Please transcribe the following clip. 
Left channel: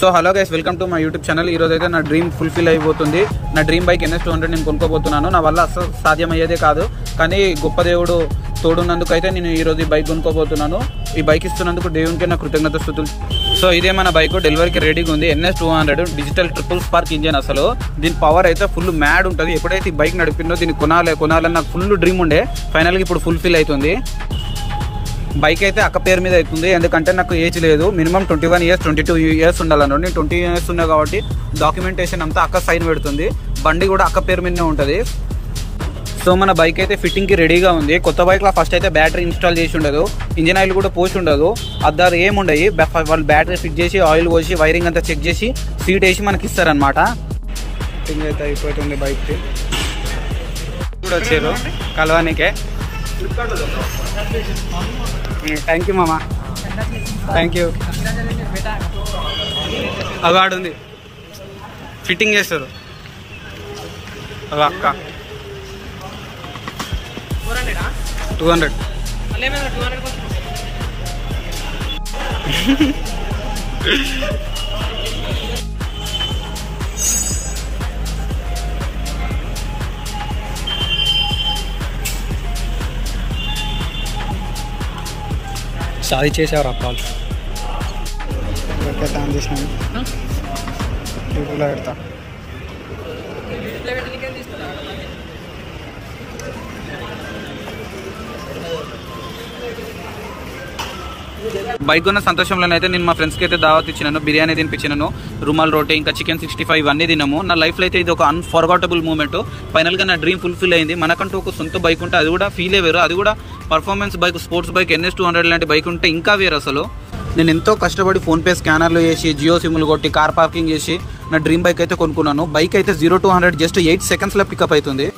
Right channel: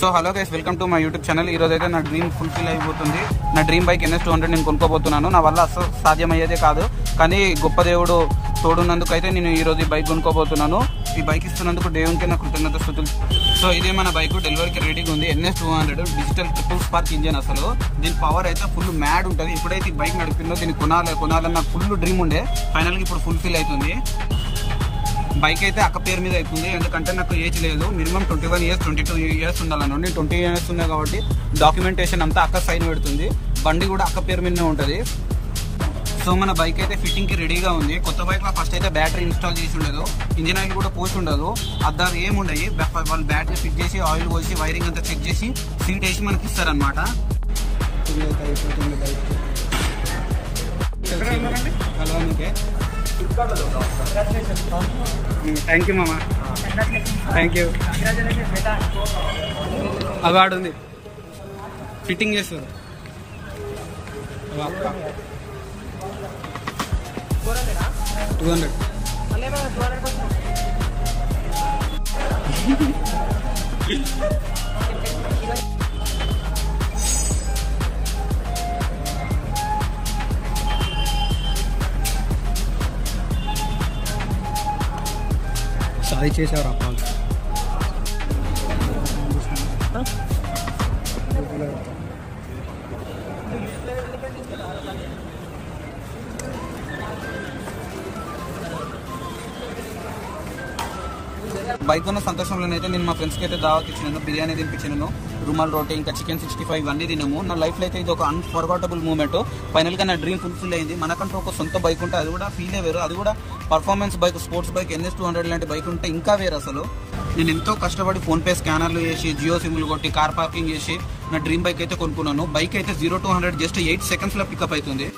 So hello guys, welcome to my YouTube channel. ఈ రోజు అయితే నా డ్రీమ్ ఫుల్ఫిల్ అయిపోతుంది. నా డ్రీమ్ బైక్ NS200 నేను కొనుక్కోబోతున్నాను. నా వల్ల అసలు సాధ్యమయ్యేదే కాదు, కానీ గొప్ప దేవుడు తోడున్నందుకు అయితే నేను ఈ రోజు ఈ బైక్ కొనుక్కోబోతున్నాను. ఈ బైక్ ఇస్తున్నందుకు దేవునికి నా కృతజ్ఞత స్తుతులు. సో ఇదే మన బైక్ డెలివరీకి రెడీగా ఉంది. NS200 digital triple spark engine. అసలు దీని పవర్ అయితే ఫుల్ మ్యాడ్ ఉంటుంది. ఎప్పుడైతే ఈ బైక్ నడిపిందో దీన్ని కొనాలని నాకు ఫుల్ డ్రీమ్ ఉండే. ఫైనల్గా ఇప్పుడు ఫుల్ఫిల్ అవుతుంది. బైక్ అయితే అక్క పేరు మీద అవుతుంది, ఎందుకంటే నాకు ఏజ్ లేదు. Minimum 21 years 22 years ఉండాలన్నాడు. నేను 20 years ఉన్నా కాబట్టి డాక్యుమెంటేషన్ అంతా అక్క సైన్ పెడుతుంది. బండి కూడా అక్క పేరు మీదనే ఉంటుంది. సో మన బైక్ అయితే ఫిట్టింగ్కి రెడీగా ఉంది. కొత్త బైక్లో ఫస్ట్ అయితే బ్యాటరీ ఇన్స్టాల్ చేసి ఉండదు, ఇంజిన్ ఆయిల్ కూడా పోసి ఉండదు, అద్దారు ఏముండయి. వాళ్ళు బ్యాటరీ ఫిట్ చేసి ఆయిల్ పోసి వైరింగ్ అంతా చెక్ చేసి సీట్ వేసి మనకి ఇస్తారనమాట. ఫిట్టింగ్ అయితే అయిపోతుంది. బైక్కి ఇప్పుడు వచ్చారు కలవానికే. థ్యాంక్ యూ మామా, థ్యాంక్ యూ. అవార్డు ఉంది, ఫిట్టింగ్ చేస్తారు అక్క. 200 సాది చేసేవారు అప్పాలు. పెడతా. బైక్ ఉన్న సంతోషంలోనైతే నేను మా ఫ్రెండ్స్కి అయితే దావత్ ఇచ్చినాను, బిర్యానీ తినిపించినాను, రుమాల్ రోటీ, ఇంకా చికెన్ 65 ఇవన్నీ తిన్నాము. నా లైఫ్లో అయితే ఇది ఒక అన్ఫర్గటబుల్ మూమెంట్. ఫైనల్గా నా డ్రీమ్ ఫుల్ఫిల్ అయింది. మనకంటూ ఒక సొంత బైక్ ఉంటే అది కూడా ఫీలే వేరు. అది కూడా performance bike, sports bike, NS200 లాంటి బైక్ ఉంటే ఇంకా వేరు. అసలు నేను ఎంతో కష్టపడి ఫోన్పే స్కానర్లు చేసి, జియో సిమ్లు కొట్టి, కార్ పార్కింగ్ చేసి నా డ్రీమ్ బైక్ అయితే కొనుక్కున్నాను. బైక్ అయితే 0 to 100 జస్ట్ 8 secondsలో పికప్ అవుతుంది.